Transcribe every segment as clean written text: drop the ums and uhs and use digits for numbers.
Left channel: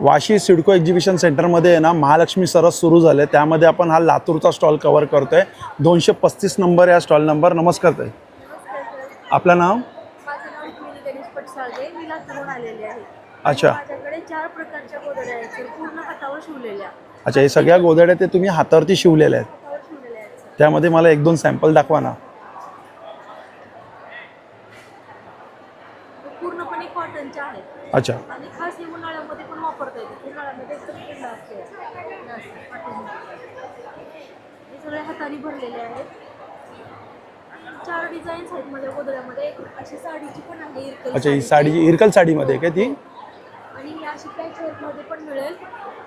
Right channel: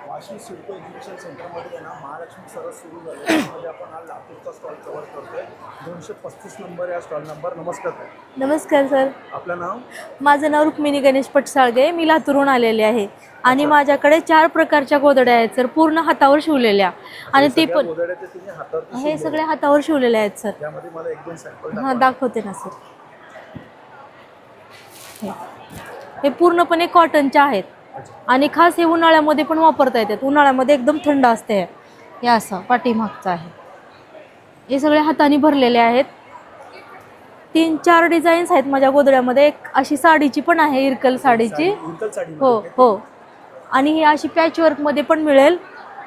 Vashi CIDCO exhibition सेंटरमध्ये आहे ना महालक्ष्मी सरस सुरू झाले, त्यामध्ये आपण हा लातूरचा स्टॉल कव्हर करतोय. 235 नंबर या स्टॉल नंबर. नमस्कार ताई. नमस्कार सर. आपलं नाव? माझं नाव रुक्मिणी गणेश पटसाळगे. मी लातूरहून आलेले आहे आणि माझ्याकडे 4 प्रकारच्या गोधड्या आहेत सर, पूर्ण हातावर शिवलेल्या. अच्छा, हे सगळ्या गोधड्या ते तुम्ही हातावरती शिवलेल्या आहेत? हातावर शिवलेल्या आहेत सर. त्यामध्ये मला 1-2 सॅम्पल दाखवा ना. दाखवते ना सर. हे पूर्णपणे कॉटनच्या आहेत. अच्छा. आणि खास हे उन्हाळ्यामध्ये पण वापरता येतात. उन्हाळ्यामध्ये एकदम थंड असते. हे असं पाठीमागचं आहे. हे सगळे हाताने भरलेले आहेत. 3-4 डिझाईन्स आहेत माझ्या गोधड्यामध्ये. एक अशी साडीची पण आहे, इरकल साडीची. इरकल साडीमध्ये काय ती? आणि ही अशी पॅच वर्क मध्ये पण मिळेल.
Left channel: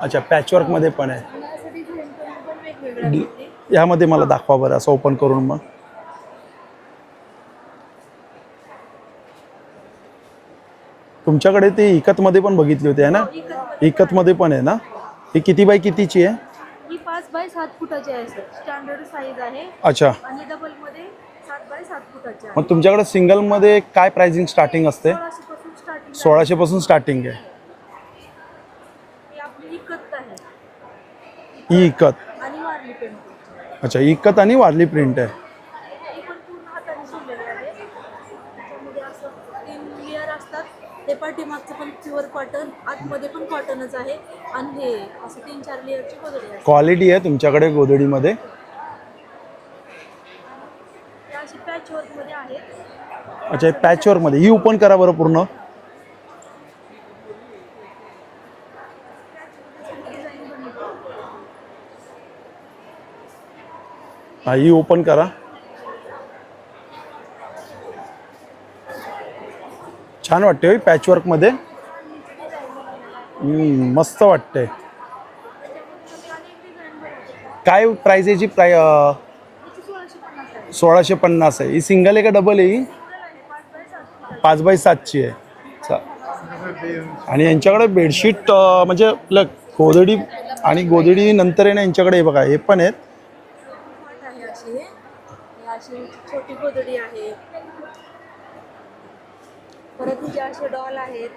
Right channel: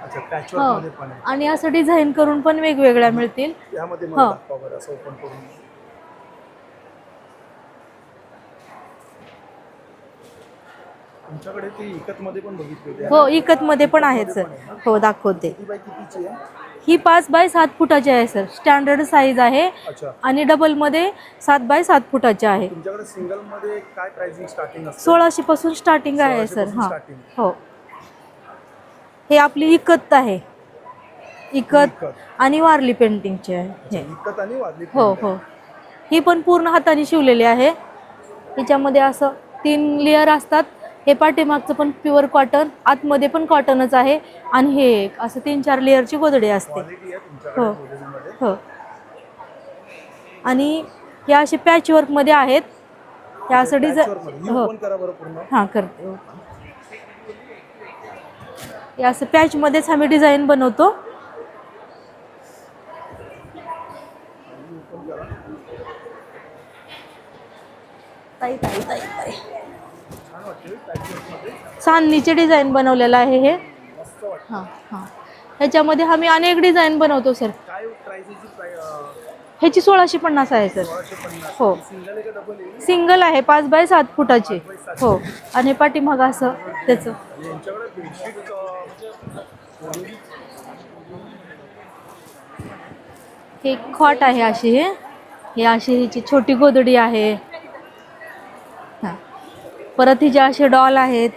अच्छा, पॅच वर्क मध्ये पण आहे. आणि असं डिझाईन करून पण वेगवेगळ्या मिळतील. यामध्ये मला दाखवा बरं, असं ओपन करून. मग तुमच्याकडे ते इकत मध्ये पण बघितली होती ना? हो, इकत मध्ये पण आहे ना? हो, दाखवते. ही किती बाय कितीची आहे? ही 5 बाय 7 फुटाची आहे सर. स्टँडर्ड साईज आहे. अच्छा. आणि डबल मध्ये 7 बाय 7 फुटाची आहे. तुमच्याकडे सिंगल मध्ये काय प्राइसिंग स्टार्टिंग असते? 1600 पासून स्टार्टिंग आहे. 1600 पासून स्टार्टिंग आहे. हो. हे आपली इकत आहे. इकत आणि वारली पेंटिंगची आहे. अच्छा, इकत आणि वारली प्रिंट आहे. ही पण पूर्ण हाताने शिवलेली आहे. त्याच्यामध्ये असं 3 लेअर असतात. हे पाठीमागचं पण प्युअर कॉटन, आतमध्ये पण कॉटनच आहे. आणि हे असं 3-4 लेअरची गोधडी असते. क्वालिटी आहे तुमच्याकडे गोधडीमध्ये. हो. आणि या असे पॅच वर्क मध्ये आहेत. पॅच वर्क मध्ये. ही ओपन करा बरं पूर्ण. हां, करते. या असं पॅच मध्येच आम्ही डिझाईन बनवतो. ही ओपन करा. छान वाटते पॅच वर्क मध्ये. चांदणीचे डिझाईन बनवलेलं आहे हे. मस्त वाटते. ह्याच्यामध्ये आम्ही अनेक डिझाईन बनवतो सर. काय प्राइस याची? ह्याची 1650 आहे. 1650 आहे. ही सिंगल आहे का डबल आहे? सिंगल आहे. 5 बाय 7 फुटाची. 5 बाय 7 ची आहे. आणि पाठीमाग असं त्याचं. आणि यांच्याकडे बेडशीट म्हणजे गोधडी आणि गोधडी नंतर आहे ना यांच्याकडे. हे बघा, हे पण आहेत. हे खॉट आहे अशी. हे अशी ह्याची छोटी गोधडी आहे. परत हिचे असे डॉल आहेत.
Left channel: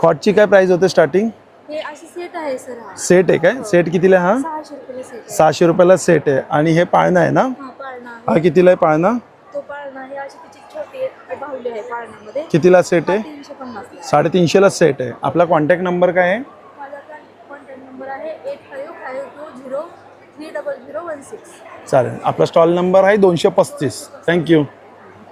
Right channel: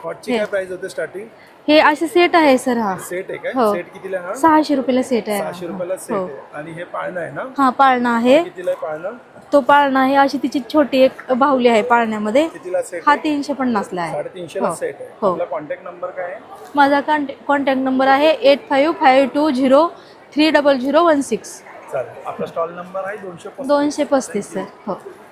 खॉटची काय प्राइस होते स्टार्टिंग? हे असे सेट आहे सर. हा सेट आहे काय? सेट कितीला? हा 600 रुपयाला सेट आहे. 600 रुपयाला सेट आहे. आणि हे पाळणं आहे ना? हा, पाळणा आहे. कितीला आहे पाळणं? तो पाळणा आहे. अशी तिची छोटी एक बाहुली आहे पाळण्यामध्ये. कितीला सेट आहे? 350 ला आहे. 350 ला सेट आहे. आपला कॉन्टॅक्ट नंबर काय आहे? माझा कॉन्टॅक्ट नंबर आहे 8552030016. चालेल. आपला स्टॉल नंबर आहे 235. थँक्यू.